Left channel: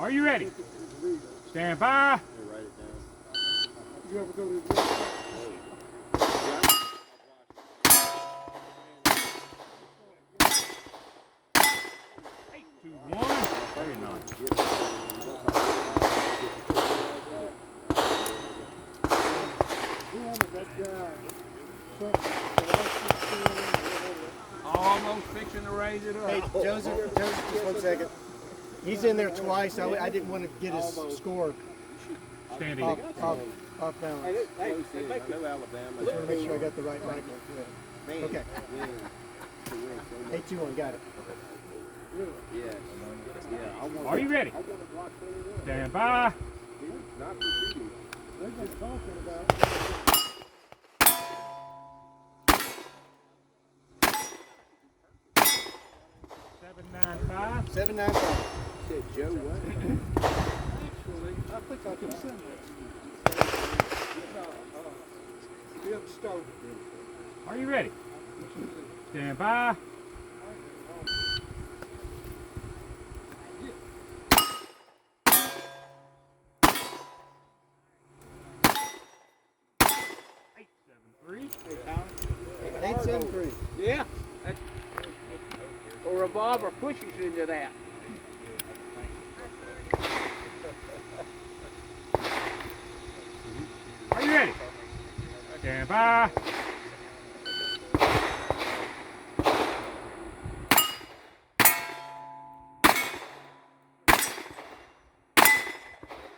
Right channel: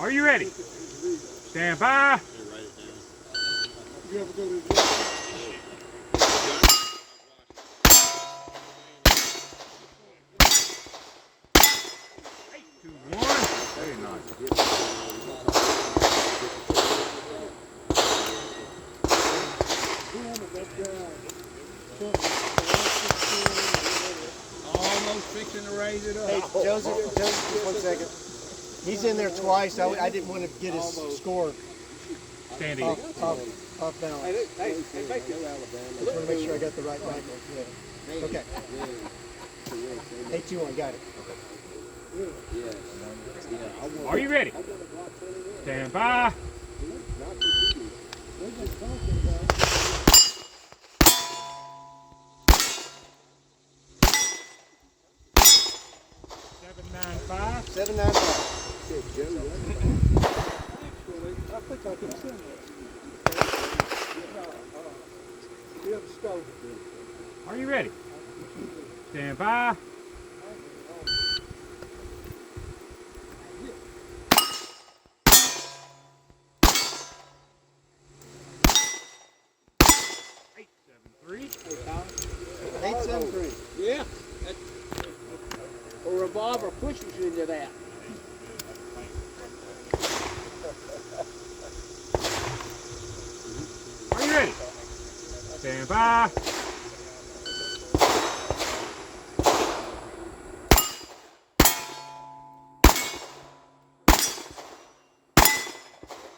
Are you ready? Stand by. Two, one. Very nice. Almost fixing to raise it up. Hey, Joseph, just 1 second. He's in there twice. I didn't want to get his score Standing. off balance. Hey, make it. Just want to make sure I got the right magnet. Yeah. Okay. 8-2-1, got it. Are you ready? Stand by. Seven, 9, 5. 7-9-5. I think I can send that to you. Are you ready? Stand by. Eight, 7, 3. 8-7-3. Yeah. A revolver pushes into that. Are you ready? Stand by.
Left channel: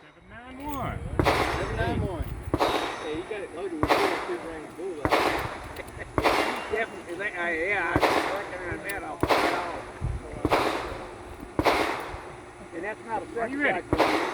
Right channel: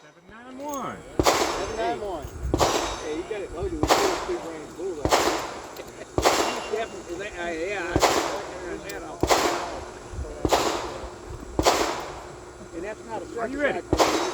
Seven, 9, 1. 7-9-1. Yeah, you got it loaded with 2-range bullseye. Definitely, yeah, I was working on that off. And that's not a Are you ready? circus